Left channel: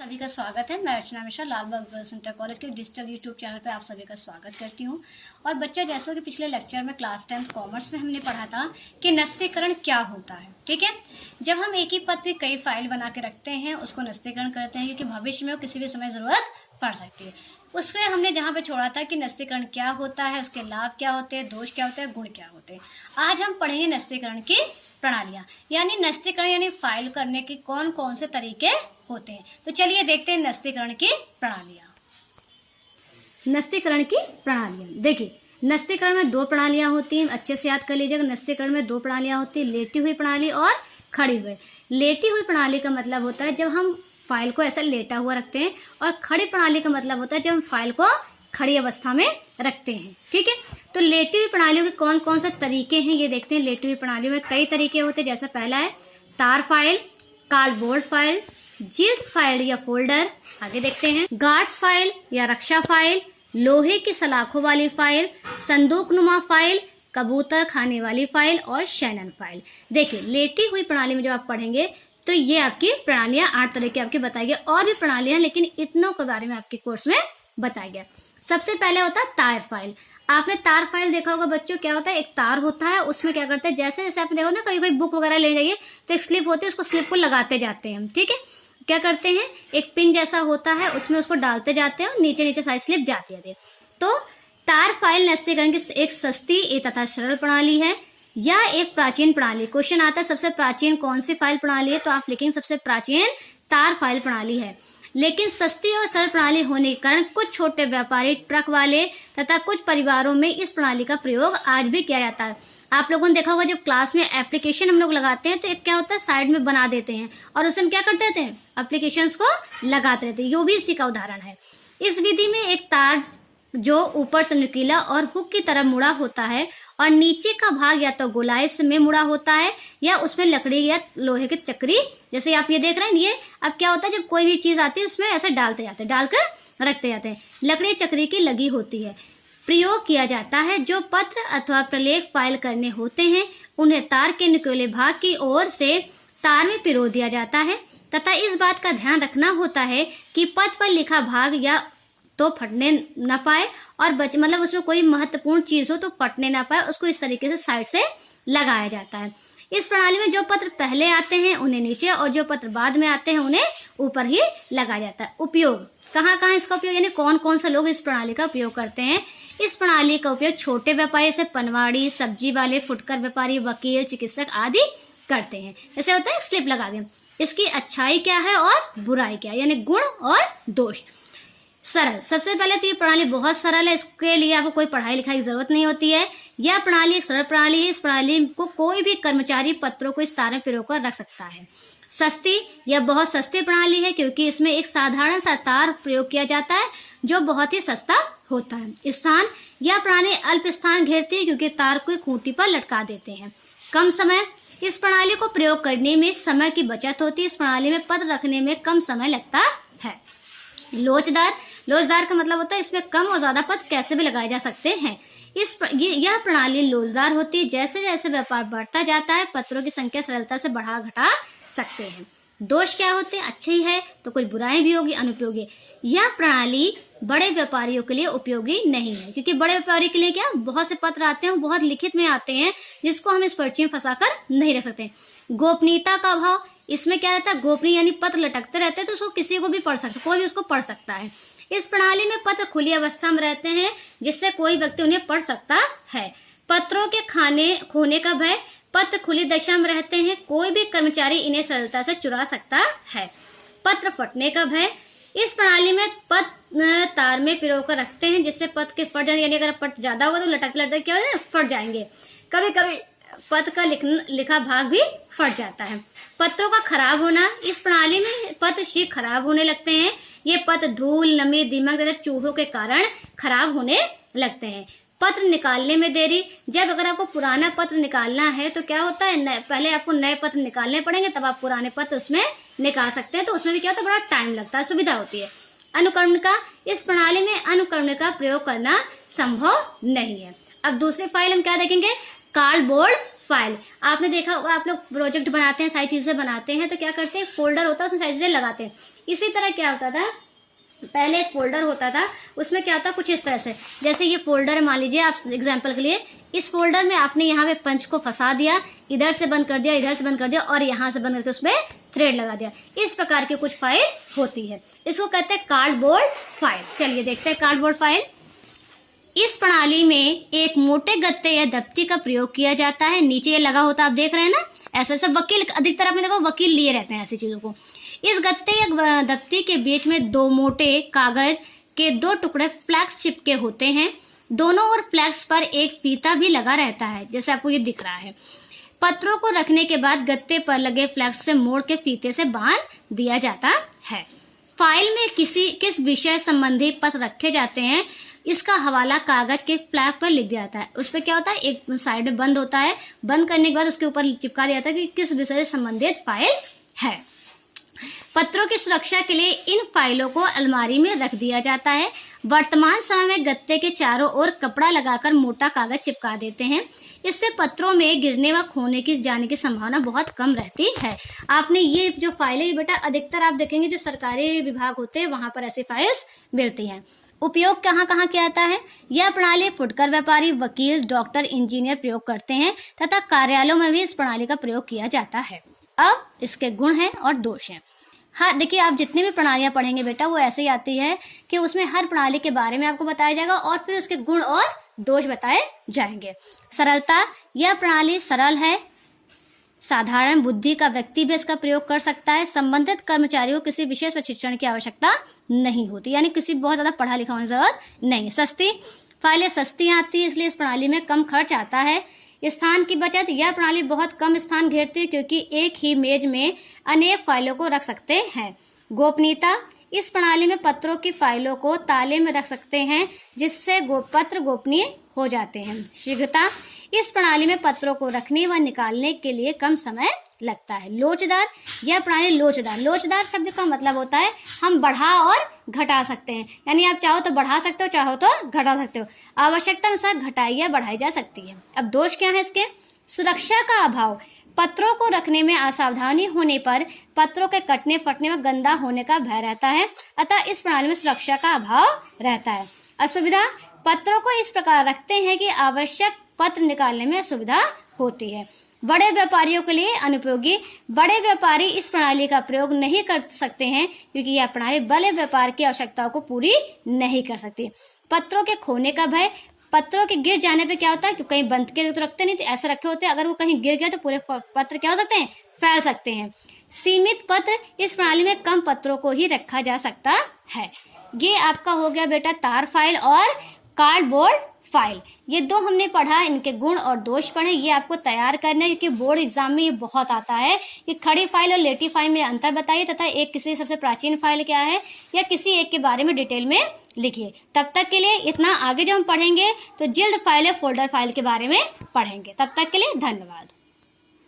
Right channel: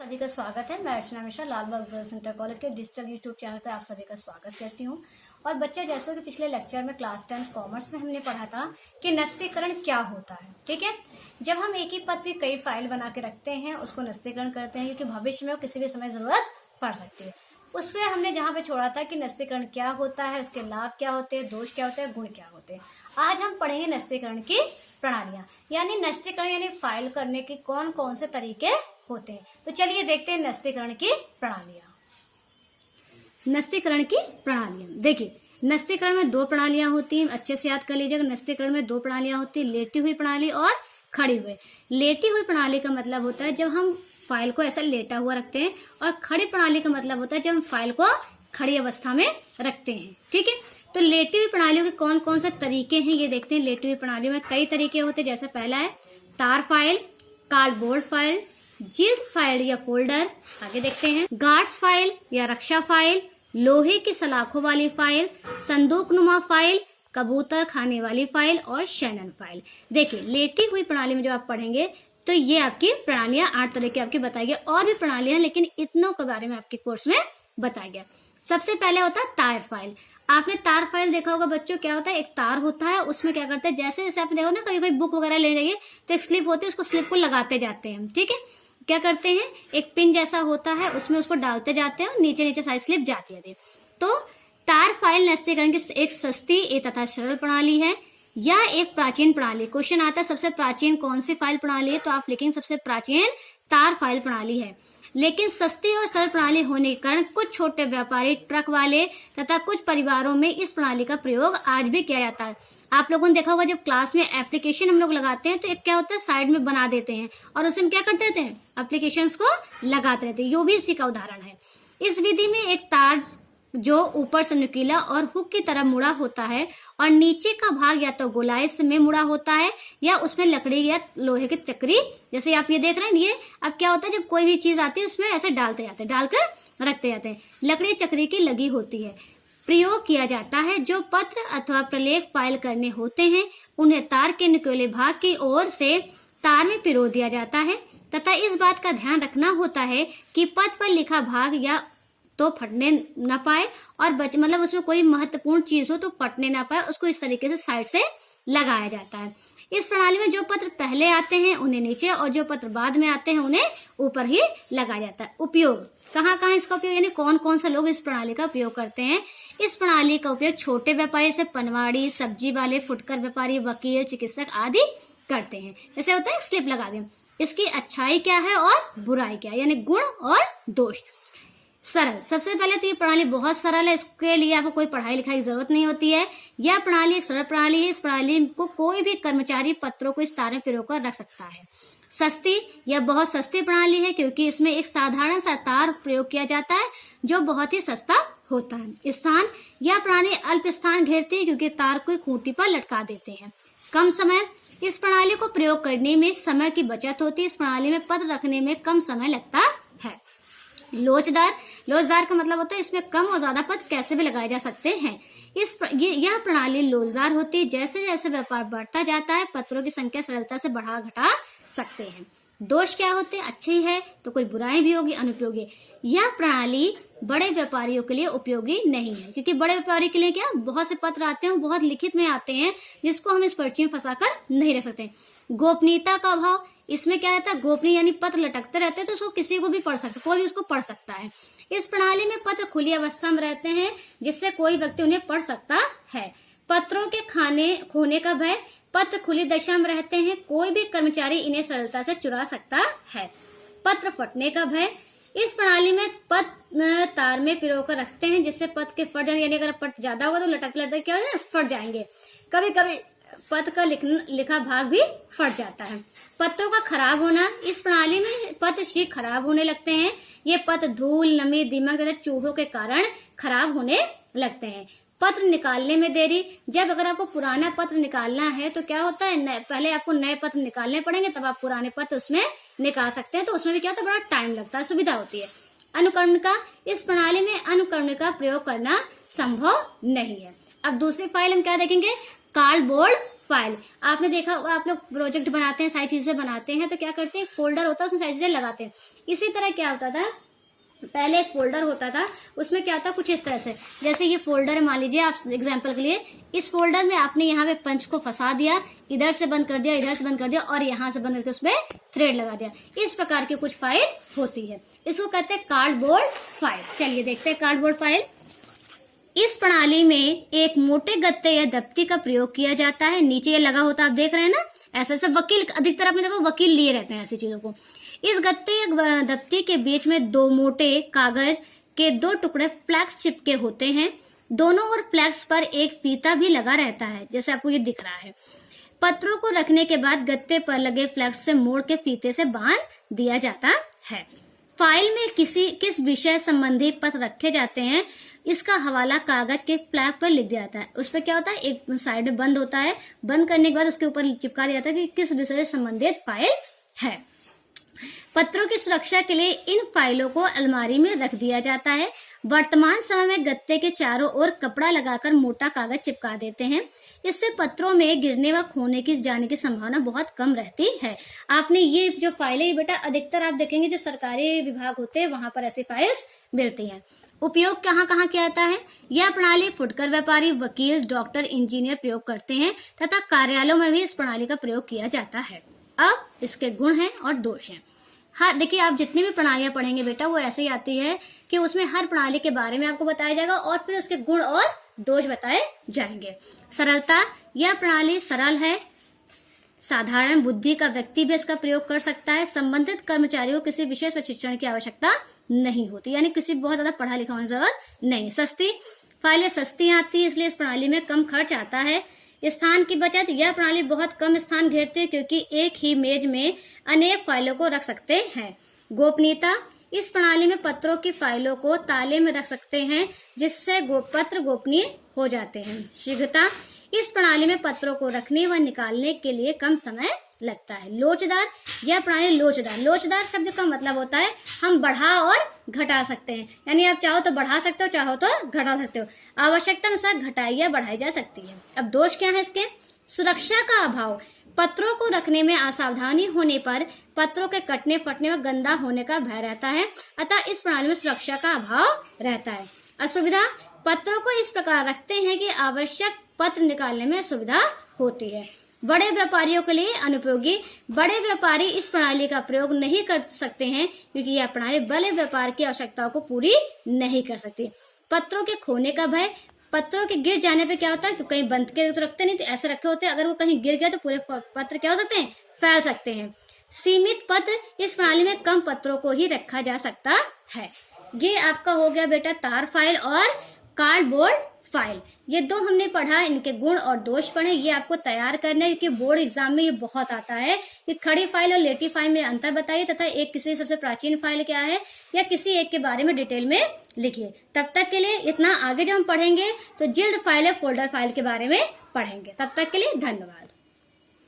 सभी का स्वागत है। मैं Archana Mishra Lalbagh girls inter college के डिजिटल यूट्यूब चैनल पर आप सभी का स्वागत करती हूँ। और बच्चे, जैसे कि पिछले लेक्चर में क्लास 10 कॉमर्स में हमने पढ़ा था कि नस्तीकरण क्या होता है। ठीक है, जब हम एक ही पत्र की कई फाइल बना के रखते हैं उसको नस्तीकरण करते हैं, क्योंकि भविष्य में किसी भी समय जरूरत पड़ सकती है। उसमें हमने जहाँ पे छोड़ा था कि नस्तीकरण क्या होता है, उसके लाभ क्या होते हैं, दोष क्या होते हैं, गुण क्या होते हैं। आज हम पढ़ेंगे नस्तीकरण की प्रणालियां, यानी नस्तीकरण यानी फाइल करने के कौन कौन से तरीके होते हैं। तो चलिए देखते हैं नस्तीकरण की प्रणालियां। नस्तीकरण की प्रणालियां देखिए, नस्तीकरण में दो प्रणालियां होती हैं, अच्छे से याद कर लीजिएगा। नस्तीकरण में दो प्रणालियां होती हैं, लेटी हुई प्रणाली और खड़ी हुई। लेटी हुई प्रणाली का मतलब होता है जब हम फाइल को ऐसा लेटा हुआ रखते हैं, और खड़ी प्रणाली का मतलब होता है जब हम फाइल को खड़ी अवस्था में रखते हैं। ठीक है, तो लेटी हुई प्रणालियों के कौन कौन से तरीके हैं ये देखते हैं। लेटी हुई प्रणालियों में कई तरीके होते हैं, जैसे पहला है तार फाइल, कार्डबोर्ड फाइल, जिल्ट फाइल या फोल्डर। आगे देखते हैं गार्ड्स फाइल या रक्षा फाइल, लोहे की सलाखों वाली फाइल, संदूकनुमा फाइल, कबूतर खाने वाली फाइल और शैनन फाइल। देखिए, लेटी हुई प्रणाली में जब आप पढ़ेंगे तो ये आपकी प्रणालियां 8 तरह की आपकी बताई गई। और भी प्रणालियां, लेकिन इतनों के बारे में आपके कोर्स में बताया गया। सबसे पहले होता है तार फाइल। आपने तार फाइल देखा होगा बच्चों, क्या होता है, एक तार होता है, उसमें क्या करते हैं, जैसे जैसे आपने देखो ना, कहीं कोई बुक वगैरह ले जाइए तो एक स्लिप होती है, उसको स्लिप को लगाते जाते हैं हम। ठीक है, क्या करते हैं, एक पिन जैसा होता है, उसमें उसको डालते जाते हैं और नीचे नीचे सारी स्लिप जाती है। तो तार फाइल नस्तीकरण की एक सस्ती तथा सरल प्रणाली है या एक प्राचीन प्रणाली। क्वेश्चन आता है सबसे प्राचीन कौन सी फाइल प्रणाली है, तो आप लिखेंगे सबसे प्राचीन तार फाइल प्रणाली है। लेकिन सस्ती और सरल प्रणाली होने के कारण कुछ छोटे व्यापारी, ट्रक वाले तथा कुछ परिवारों में इस प्रणाली का प्रयोग आज भी किया जाता है। आप लोगों ने देखा होगा, जब क्लास में एप्लीकेशन हम लोग लगाते हैं तो एक क्या होता है, साइड में बना देते हैं और उसमें क्या करते थे, एप्लीकेशंस को लगाते रहते हैं। यो भी इसी का उदाहरण है। इस विधि में एक तार जो ऊपर से नुकीला और हुक की तरह मुड़ा होता है और नीचे का भाग या तो गोलाई में मुड़ा होता है या उसमें लकड़ी या लोहे की चक्री, जैसे आप ये देख रहे हैं। ये अब क्या होता है, जब कोई भी चीज आती है उसमें ऐसे डालते जाते हैं, डालकर रखते जाते हैं, लकड़ी चक्री की लगी होती है। प्रयोग किया जाता है। जो पत्र अथवा प्रलेख फाइल करने होते हैं उन्हें तार के निकोले भाग की ओर से तार में पिरो दिया जाता है तथा इस बात का ध्यान रखना होता है कि पत्र पर लिखा भाग या तो फटने न पाए और मतलब उसमें कोई महत्वपूर्ण चीज हो तो फटने ना पाए, उसको इस तरीके से साइड से लगाया जाता है। इस प्रणाली में जो पत्र पहले आते हैं उन्हें नीचे और जो पत्र बाद में आते हैं उन्हें ऊपर ही लगाया जाता है। उपयोग, कहाँ कहाँ इसका उपयोग, यानी कौन कौन से लोग इस प्रणाली का उपयोग करते हैं। इस प्रणाली का उपयोग छोटे व्यापारी से पनवाड़ी, सब्जी वाले, फुटकर व्यापारी, वकील, चिकित्सक आदि करते हैं। जैसे होता है स्लिप लगा दें। इसकी अच्छाई क्या है और बुराई क्या है, यानी गुण और दोष। सरल, सबसे पहले तो ये प्रणाली बहुत सरल है, इसके लिए आपको कोई पढ़ाई लिखाई की जरूरत नहीं होती है। यह प्रणाली एक सरल प्रणाली है। इस प्रणाली को कोई भी कर्मचारी पत्रों को इस तार में पिरोकर रख सकता है। सस्ती, यह बहुत सस्ती प्रणाली है क्योंकि इसमें एक साधारण सा तार प्रयोग किया जाता है जो बहुत ही सस्ता होता है। स्थान, यह प्रणाली अल्प स्थान घेरती है क्योंकि तार को खूंटी पर लटका देते हैं। कम समय, इस प्रणाली को प्रयोग करने में समय की बचत होती है। इस प्रणाली में पत्र रखने में कम समय लगता है। लोचदार, लोचदार का मतलब होता है इसमें कम और ज्यादा पत्र कैसे भी लगाए जा सकते हैं। यह प्रणाली लोचदार होती है। जैसे जैसे व्यापार बढ़ता जाता है पत्रों की संख्या सरलता से बढ़ा घटा सकते हैं। दोष क्या होते हैं, अच्छे ही है तो कुछ बुराई भी होगी, अनुपयोगी। यह प्रणाली बड़े व्यापारियों के लिए उपयोगी नहीं है, क्योंकि बड़े व्यापारी के लिए क्या, बहुत से पत्र आते हैं, बहुत लिखित में आते हैं जिसको हम इस पर्ची में फंसाकर नहीं रख सकते। गोपनीयता का अभाव, इसमें क्या रहता है, गोपनीय यानी पत्र लटकते रहते हैं तो उसको किसी को भी पढ़ सकता, कोई भी उसको पढ़ सकता है। इस प्रणाली में पत्र खुली अवस्था में रहते हैं जिससे कोई व्यक्ति उन्हें पढ़ सकता है। पत्रों के खोने का भय, पत्र खुली दशा में रहते हैं, कोई भी कर्मचारी इन्हें सरलता से चुरा सकता है। पत्र फटने का भय, इस प्रणाली में पत्र तार में पिरोकर रखते हैं जिससे पत्र के फट जाने, यानी अगर पत्र ज्यादा होगा तो लटक लटक क्या हो, फट जाएंगे। कभी कभी पत्र का लिखा भाग भी फट जाता है। पत्रों का खराब होना, इस प्रणाली में पत्र शीघ्र खराब होने लगते हैं। ये पत्र धूल, नमी, दीमक तथा चूहों के कारण खराब होने लगते हैं। पत्र निकालने में देरी, जब अगर आपको पुराना पत्र निकालना है तो क्या होता है, पहले आपको नए पत्र निकालने पड़ेंगे तब आप पुराने पत्र उसमें निकाल सकते हैं, तो उसमें भी क्या होता है, बड़ा टाइम लगता है, सुविधा होती है। अनुकरणिका, इस प्रणाली में अनुकरणिका का प्रयोग करना संभव नहीं है। अब दूसरी फाइल हम क्या देखेंगे, कार्डबोर्ड फाइल। आपने देखा होगा, आप लोग प्रोजेक्ट बनाते हैं, सारी चीजें बनाते हैं, तो क्या करते हैं, फोल्डर होता है, उसमें सारी चीजें लगाते हैं। इसी तरह क्या होता था, पहले एक फोल्डर होता था, उसमें क्या होता कुछ इस तरह से, जैसे ये फोल्डर है, मान लीजिए आप एग्जांपल के लिए, इस फोल्डर में आपने यहाँ पे पंच को फंसा दिया, इधर से बंद कर दिया, इधर से बंद कर दिया, और यहाँ से बंद करके उसमें थ्रेड लगा दिया। इस प्रकार की कुछ फाइल होती है, इसको कहते हैं कार्डबोर्ड फाइल। चलिए देखते हैं कार्डबोर्ड फाइल। इस प्रणाली में एक मोटे गत्ते या दफ्ती का प्रयोग किया जाता है। नीचे ये लगा होता है, आप देख रहे हैं ना, ऐसे ऐसे वकील, अधिकतर आपने देखा वकील लिए रहते हैं ऐसी चीजों को। इस गत्ते या दफ्ती के बीच में दो मोटे कागज के दो टुकड़े फ्लैक्स चिपके होते हैं। दोनों ओर फ्लैक्स पर एक फीता भी लगा रहता है, जैसे आपको ये दिख रहा है। पत्रों को रखने के बाद गत्ते पर लगे फ्लैक्स से मोड़ के फीते से बांध दिया जाता है। फाइल में किस विषय संबंधी पत्र रखे जाते हैं, इसका हवाला कागज के फ्लैग पर लिख दिया जाता है। उस पर क्या होता है, एक साइड में बंद होता है, बंद करने के बाद उसके ऊपर चिपका दिया जाता है कि किस विषय से संबंधित फाइल है। पत्रों की सुरक्षा के लिए इन फाइलों को अलमारी में रख दिया जाता है। वर्तमान समय में गत्ते के चारों ओर कपड़ा लगाकर मोटा कागज चिपका देते हैं। इससे पत्रों में गिरने व खोने की जाने की संभावना बहुत कम रहती है। आपने ये जो फाइलें बेटा अधिकतर आप देखेंगे जो सरकारी विभाग होते हैं वहां पर ऐसी फाइल्स मिलती हैं। उपयोग कहाँ कहाँ किया जाता है, यह प्रणाली फुटकर व्यापारी, वकील, डॉक्टर, इंजीनियर प्रयोग करते हैं तथा कार्यालयों में भी इस प्रणाली का प्रयोग किया जाता है। अब इसके गुण हैं और दोष हैं। हाँ देखिए, आप जितनी भी प्रणालियां पढ़ेंगे बेटा वो ऐसे ही आती है कि उसमें हर प्रणाली के बारे में आपको बताया जाएगा और फिर उसके गुण और दोष बताए जाएंगे। सरलता, यह प्रणाली सरल है, साधारण बुद्धि का व्यक्ति भी इसका प्रयोग कर सकता है। संबंधित कर्मचारियों को किसी विशेष प्रशिक्षण की आवश्यकता नहीं होती, यानी किसी बहुत ज्यादा पढ़ा लिखा होने की जरूरत नहीं। सस्ती, फाइलें सस्ती आती है, इसलिए इस प्रणाली में कम खर्च आता है। स्थान की बचत, यह प्रणाली बहुत कम स्थान घेरती है क्योंकि एक ही मेज में अनेक फाइलों को रख सकते हैं। गोपनीयता, इस प्रणाली में पत्रों की फाइलों को ताले में रख सकते हैं जिससे पत्र गोपनीय हो जाते हैं। शीघ्रता, इस प्रणाली में पत्रों को रखने व निकालने के लिए कम समय लगता है। लोचदार, यह प्रणाली लोचदार, लोचदार शब्द का मतलब होता है हम बढ़ा और घटा सकते हैं, यानी आप चाहो तो बढ़ा सकते हो, चाहो तो घटा सकते हो। आवश्यकता अनुसार घटाई या बढ़ाई जा सकती है। अब दोष क्या है इसके, सुरक्षा का अभाव, पत्रों को रखने में असावधानी होने पर पत्रों के कटने फटने व गंदा होने का भय रहता है, अतः इस प्रणाली में सुरक्षा का अभाव रहता है। असुविधा, पत्रों को इस प्रकार रखते हैं कि आवश्यक पत्र निकालने में सुविधा होती है। बड़े व्यापारियों के लिए अनुपयोगी, बड़े व्यापारी इस प्रणाली का प्रयोग नहीं कर सकते हैं क्योंकि यह प्रणाली बड़े व्यापार की आवश्यकताओं को पूरी नहीं कर सकती। पत्रों के खोने का भय, पत्रों के गिर जाने पे क्या होता है, कहीं बंद के तो रखते नहीं, तो ऐसे रखे होते हैं, अगर वो कहीं गिर गया तो पूरे पत्र क्या हो सकते हैं, फैल सकते हैं। सीमित पत्र, इस प्रणाली में कम पत्रों को ही रखा जा सकता है। ये आपका हो गया बेटा तार फाइल और कार्डबोर्ड फाइल। ये दो हमने पढ़ा, इनके गुण और दोष पढ़े, ये आपको तैयार करना है क्योंकि बोर्ड एग्जाम में ये बहुत आता है कि खड़ी फाइल और लेटी फाइल में अंतर बताइए तथा एक किसी सबसे प्राचीन फाइल क्या है या किसी एक के बारे में डिटेल में लिखिए। तब तक के लिए इतना, आगे जब हम पढ़ेंगे तो जिल्द फाइल या फोल्डर फाइल के बारे में पढ़ेंगे। तब तक के लिए धन्यवाद।